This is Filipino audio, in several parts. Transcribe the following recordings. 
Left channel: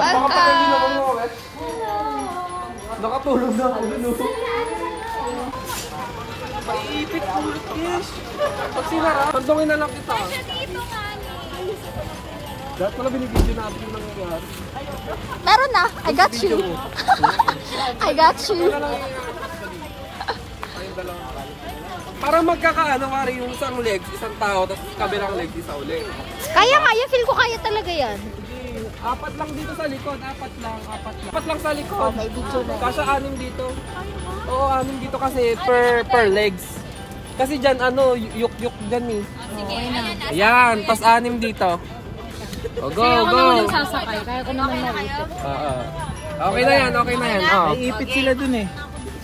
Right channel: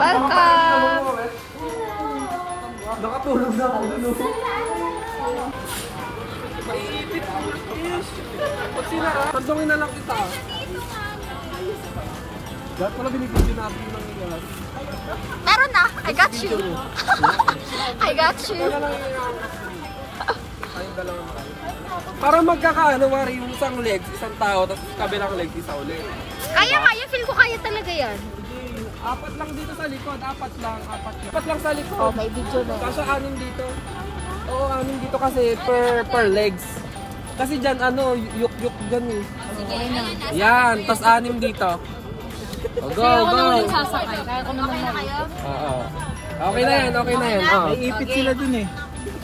Welcome! Nakatulog na ako dun. Pantongin na lang kita. Dapat pala binibigyan natin ng lahat. Meron na! I got you! I got you! Parang magkakaano, Mari, yung isang legs, isang tao, tapos kabilang legs, isa ulit. Kaya, feel ko kaya talaga yan. Hindi, apat lang dito sa likod, apat lang sa likod. Okay, video na. Kasya 6 dito. Oo, 6 dito kasi per legs. Kasi dyan, ano, yuk-yuk dyan eh. Sige na. Ayan, pas 6 dito. Oh, go, go! Sasakay. Okay na kayo? Oo. Okay na yan, okay na yan. Iipit sila dun eh.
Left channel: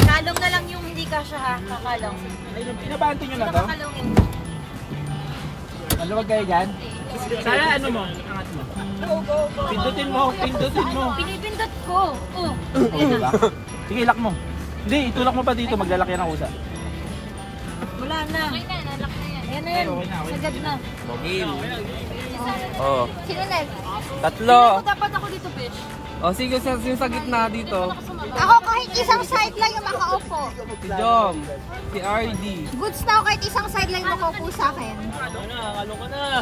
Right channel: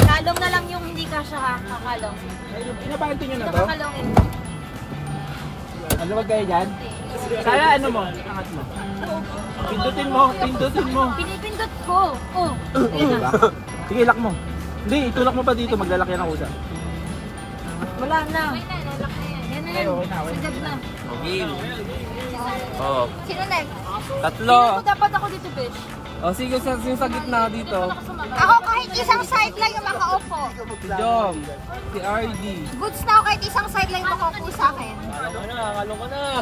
Kalong na lang yung hindi kasya ha. Kakalong. Pinabanto nyo na to? Kakalongin. Ano wag kayo dyan? Sana ano mo? Angat mo. Pindutin mo, pindutin mo. Pinipindot ko. Oh. Diba? Sige, ilak mo. Hindi, itulak mo pa dito. Maglalaki ng usa. Wala na. Yan na yan. Sagad na. Oh. Sino na? Tatlo. Sino dapat ako dito, bitch? Oh, sige, yung sa gitna dito. Ako kahit isang side lang yung makaupo. Si Jom, si RD. Goods na ako kahit isang side lang yung makaupo sa akin. Kalong ka na.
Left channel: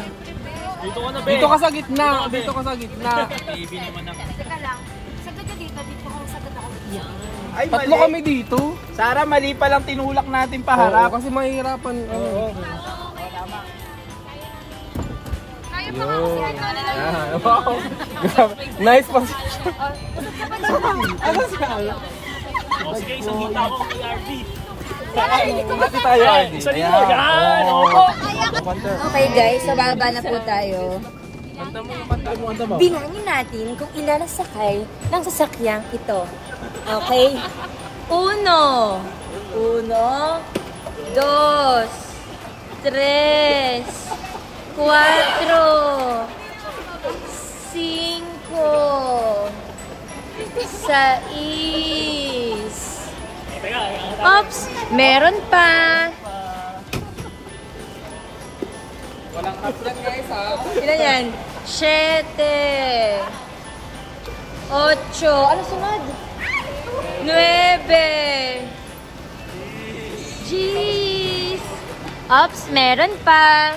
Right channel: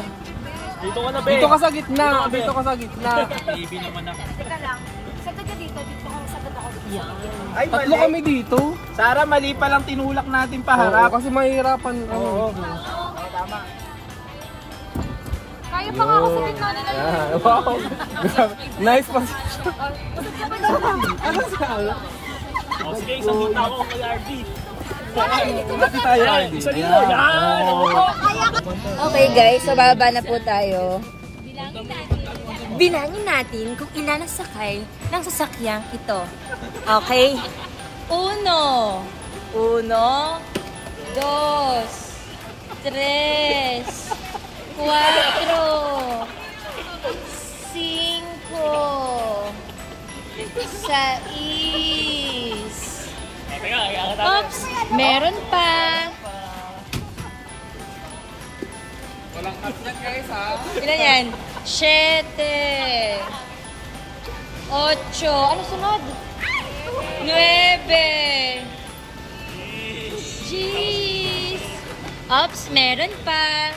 Dito ka na, be. Dito ka sa gitna, dito ka sa gitna. Baby naman ako. Teka lang. Sagad ka dito, dito ako, sagad ako dito. Ay, Tatlo kami dito. Sara, mali pa lang tinulak natin Oo, paharap. kasi mahirapan. Oo. Tama. Kaya pa nga ako sa gitna nila. Yeah, wow. Nice position. Ano siya? Sige, isang kita mo kay RD. Bakit tayo, RD? Isa dito, yan! Okay guys, so bababa na po tayo. Bilangin natin kung ilan ang sakay ng sasakyang ito. Okay? 1, 2, 3, 4, 5, 6, oops, meron pa. Walang kaplan guys ha. Ilan yan? 7, 8, ano sunod? 9, Jeez. Oops, meron pa.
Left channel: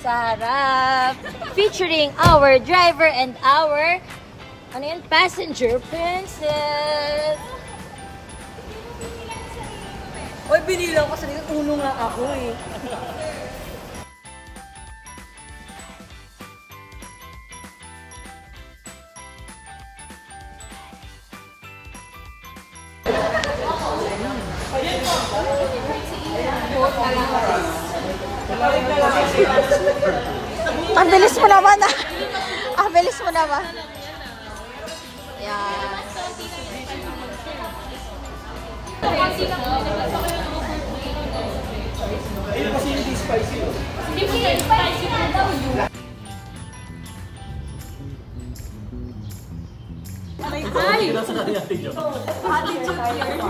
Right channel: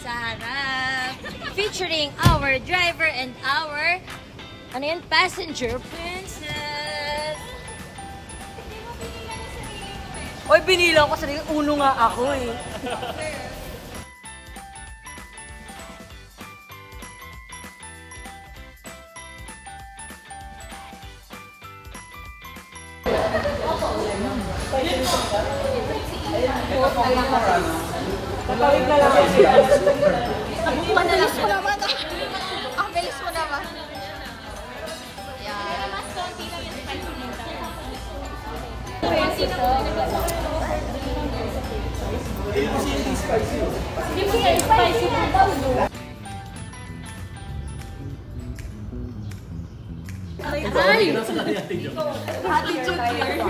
Sa harap. Featuring our driver and our ano yun? Passenger princess. Oy, binilang ko sarili. Uno nga ako eh. Ang bilis mo naman ah. Ang bilis mo naman. Yan. Ay! Attitude here.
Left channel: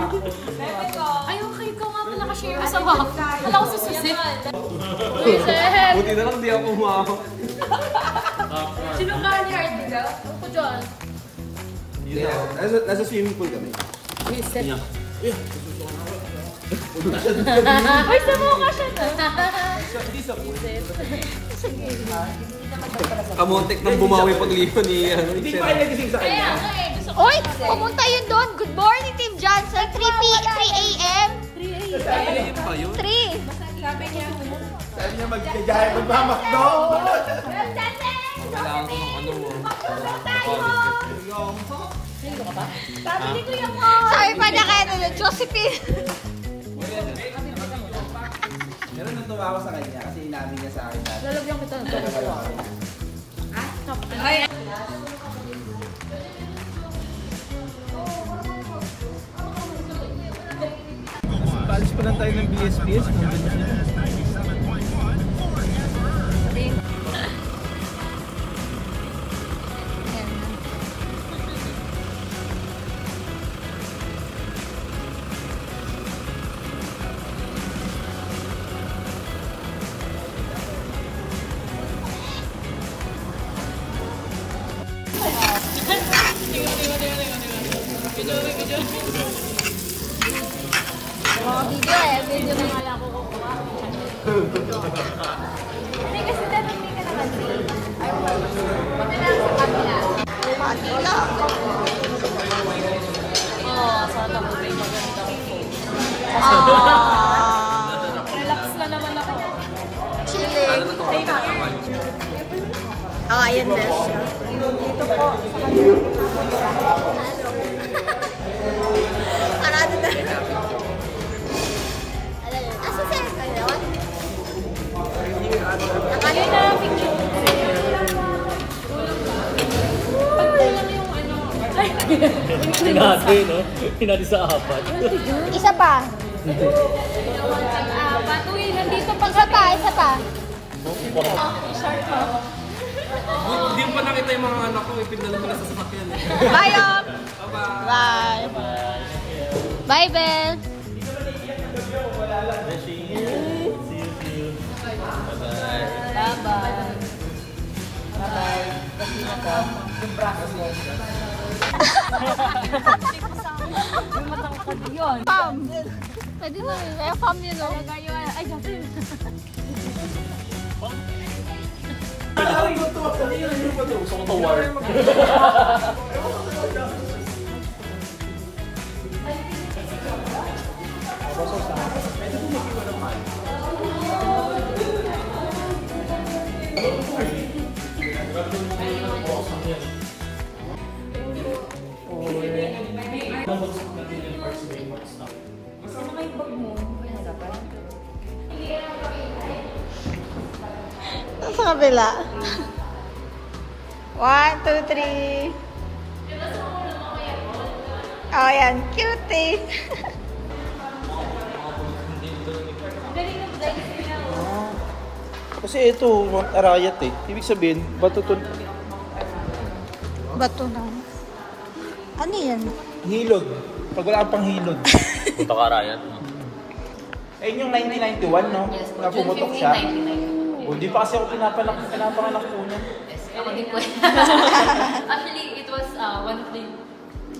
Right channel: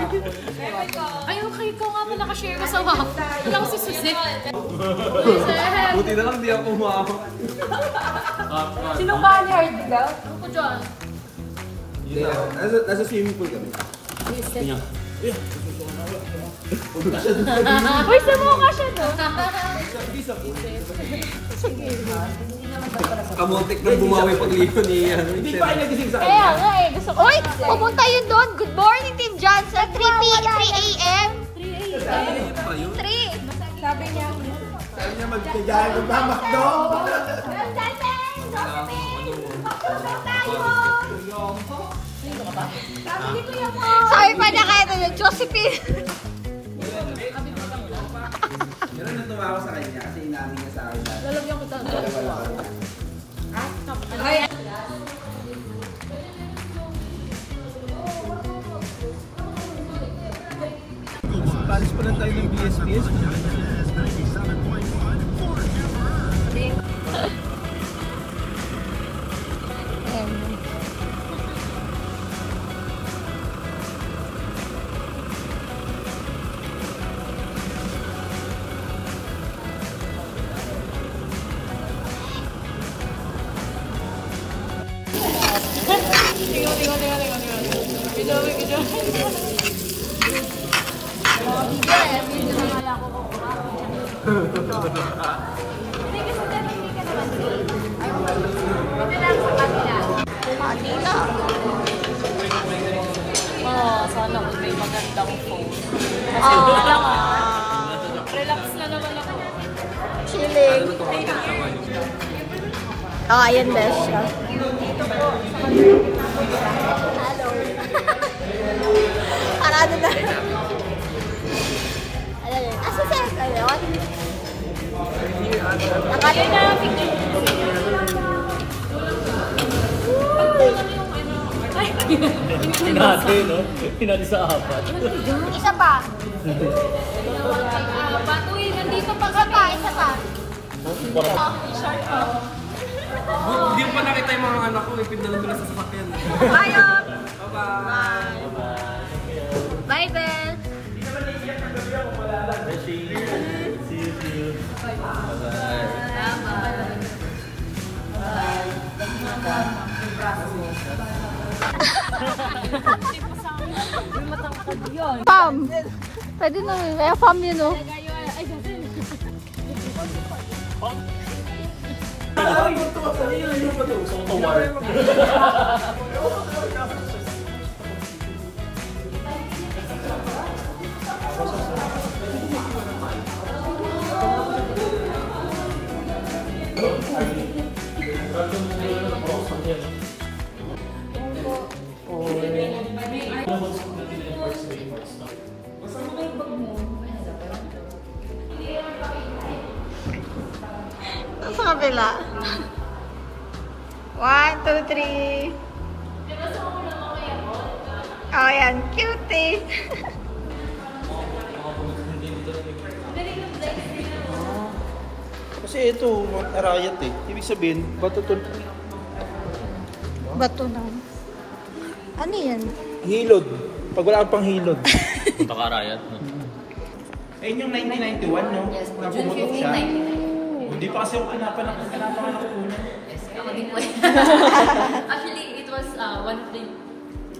Ay, okay ko nga po nakashare ko sa WAP. Wala ko si Suzy. Buti na lang di ako umahok. Sino ka ni Hard Digaw? John. Nasa swimming pool kami. Uy, sumukha siya na. Hindi sa pool. Kamontek na bumawi pagliho ni Hindi pa kayo nagising sa kanya. Uy! Pumunta yun doon. Good morning, Team Johnson. 3 a.m. 3. Sabi niya, Sabi niya magmamakdo. sabi ni Kuya mo. Sabi pa niya kaya na Josephine. Yan ang tumawa sa kanya kasi inamin niya sa akin dati. Lalagyan ko doon. Wala pa rin yan. Ay, Kalis pa lang tayo ng BSBS. Video na nga lang ako kukuha. Manila. Relax na naman ako. Chilling. Ayan na siya. Parado na. Asa siya kayo? Akala na. Pinati, no? Pinati sa apat. Isa pa. Matuwi, nandito pa ka. Isa pa. Hindi mo pa nakita yung mga anak ko, ipindalo ko na sa sasakyan. Bye, Op. Bye-bye. Bye. Bye, Belle. See you. Bye-bye. Pam! Pwede na rin. Kaya pam yun, no? Sa kabila. 1, 2, 3. Oh, yan. Cutie. Kasi ito, Mount Arayat eh. Ibig sabihin, bato to. Bato na. Ano yan? Hilod. Pag wala kang pang hilod. Punta ka Arayat, no? Eh, yung 1991, no? Yes, Na June pumutok 15, siya. 1999. Hindi pa kasi ako pinapanak po na. Yes, hindi po. Actually, it was one of the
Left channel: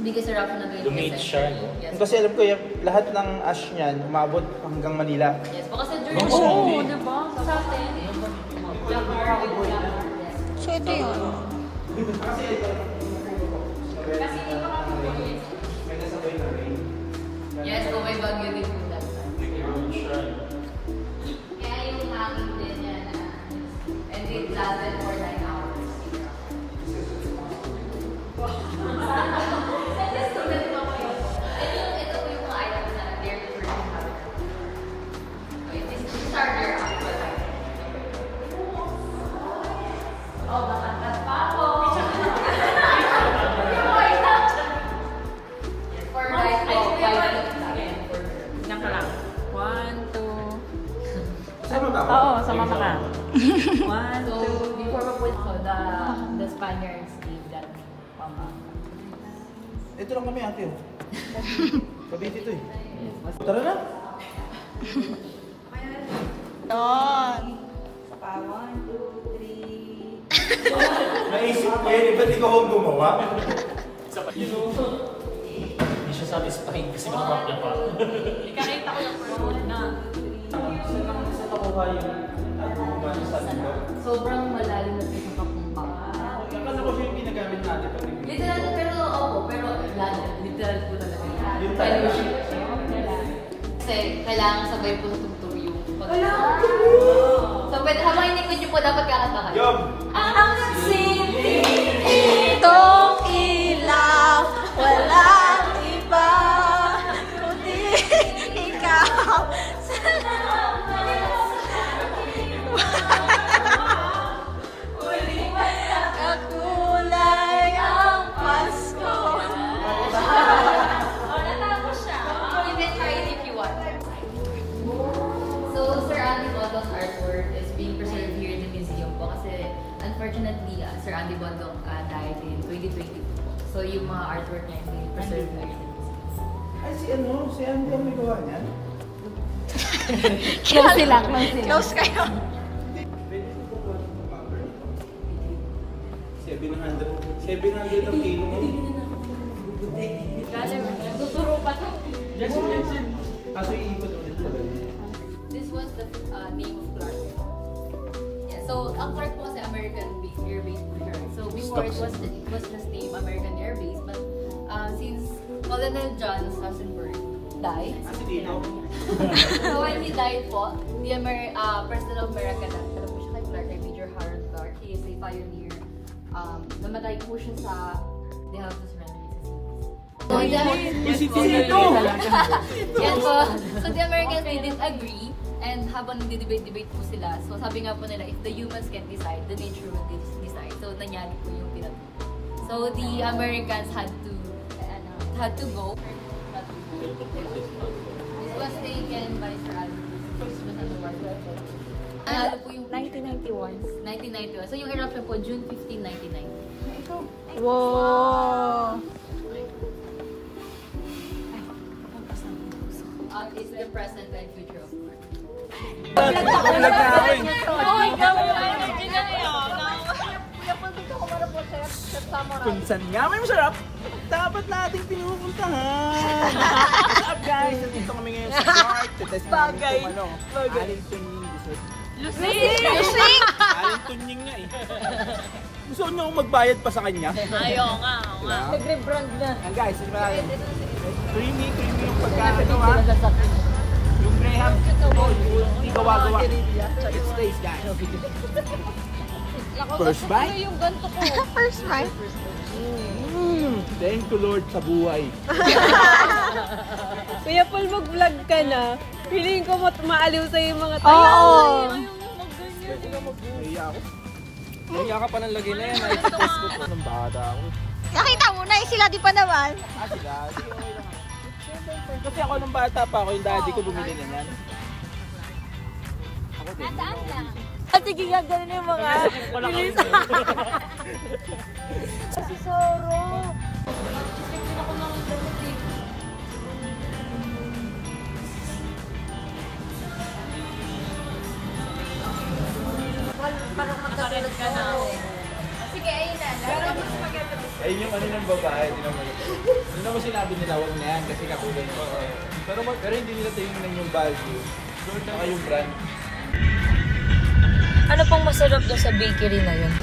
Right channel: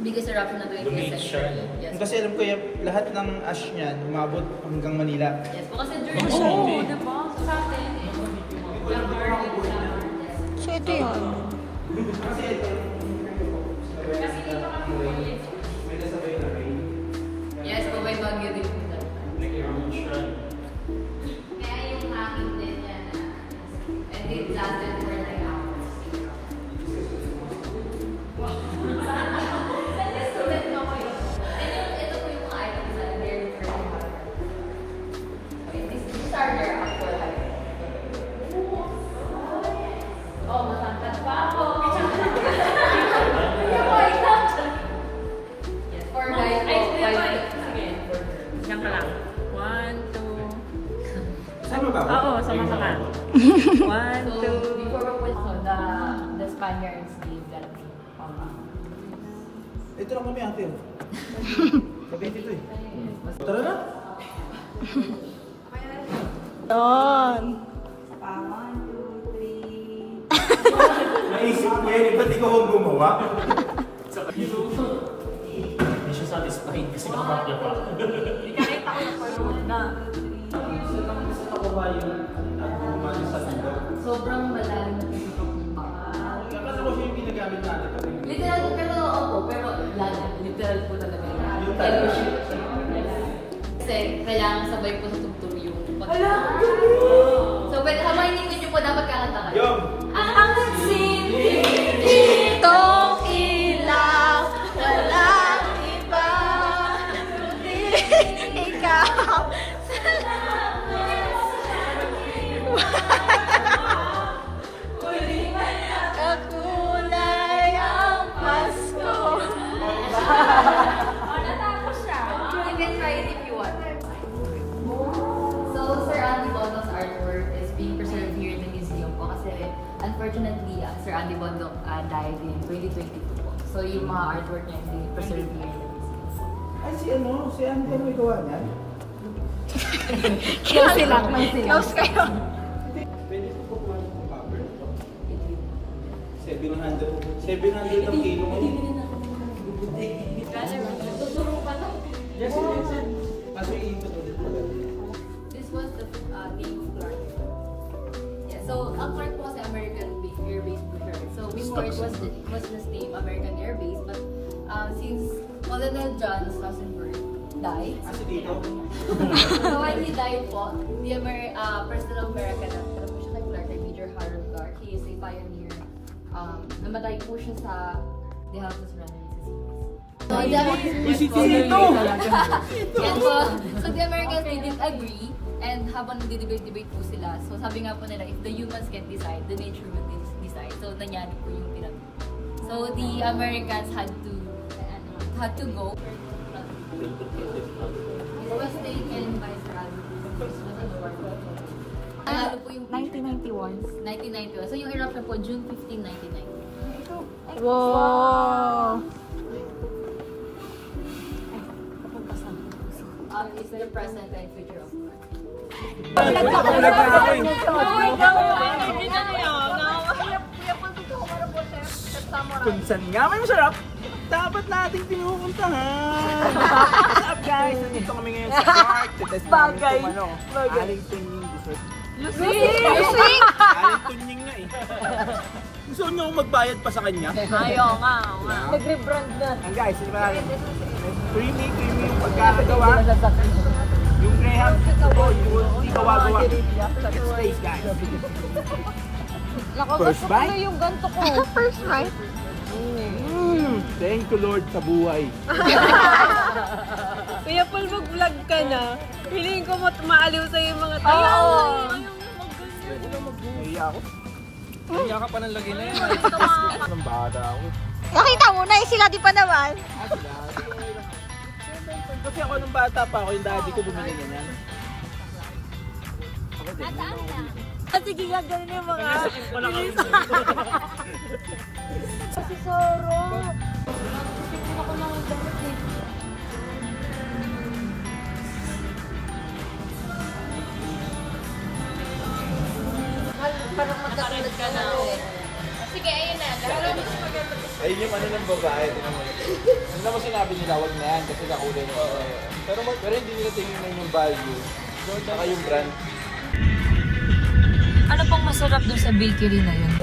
biggest eruption of the Lumit siya. Yes. Kasi alam ko, lahat ng ash niyan, umabot hanggang Manila. Yes, kasi during Oo. So, ito yun. Yes, kung may bagyo din po daw. Kaya yung hangin din yan. And it lasted for 9 hours. Ito po yung mga items na they're referring to. Okay, these are their actual items. Oh, nakangkat pa ako. Yes, 4 by 5. Yan ka lang. 1, 2. Sama ba ako? Oo, sama ka lang. 1, So, 2. before we went, the Spaniards gave that name, Pampanga. Ito lang kami ate. Kabit ito eh. Tara na. Doon. Pa, 1, 2, 3. Naisip ko yun, ba't ikaw ang gumawa? Hindi siya satisfied kasi nakakya pa. Ikakita ko na parang na. Sobrang malalim na piso ka pumpa. Ano ko siya yung ginagamit natin? Literal, pero opo, pero lalim. Literal po talaga yan. Yung talaga. Kasi kailangan sabay po tuturo yung So, habang inikot niyo po, dapat kakanta kayo. Yum! Ang simple. Itong ilaw, walang iba, kundi ikaw. Kakulay ang Pasko. Natapos siya. You can try it if you want. So, Sir Andy Bondok's artwork is being preserved here in the museum po kasi unfortunately, Sir Andy Bondok died in 2022 po. So, yung mga artwork niya is being preserved here in the museum. Ay, si Andy ang may gawa niyan? Close sila. Close kayo. 700 ang kilo. This was the name of Clark. Yeah, so ang Clark po kasi American Air Base po siya. So before it was just named American Air Base, but since Colonel John Sassenberg died, so when he died po, the President of America na po siya kay Clark, kay Major Harold Clark. He is a pioneer. Namatay po siya sa the Houses Runway. So the Americans, they didn't agree, and habang nagdi-debate po sila, so sabi nga po nila, if the humans can't decide, the nature will decide. So nangyari po yung pinag. So the Americans had to go. This was taken by Sir Albert. Ano po yung 1991? 1991. So yung eruption po, June 15, 1990. Wow! It's the present and future of Clark. Kung saan nga may masarap, dapat nating pinupuntahan. What's up guys? Nandito kami ngayon sa Clark. Titest namin itong aling tunying dessert. Lusing! Aling tunying nga eh. Gusto nyo akong magbayad pa sa kanya? Ayaw nga. And guys, hindi ba natin? Creamy yung pagkakagawa. Yung Graham, ito, hindi gawa-gawa. Let's taste guys. First bite? First bite? Thank you Lord sa buhay. Kuya Paul, mag-vlog ka na. Feeling ko maaliw sa'yo yung mga tayo. Nahiya ako. Nahiya ka pa ng lagay na yan. Nakikitest mo pa ng bata ako. Nakita mo na, sila di pa naman. Sila? Kasi ako nung bata pa ako, yung daddy ko bumili na yan. Ako din. Nataan lang. At sige nga, ganun yung mga pilita. Si Soro. Sipin ako ng damit eh. Parang magkatulad ka na. Sige, ayun na. Ayun yung ng babae. Ano naman sinabi nila, huwag na yan kasi nakulay na. Pero hindi nila tingnan yung value. Saka yung brand. Ano pang masarap doon sa bakery na yun?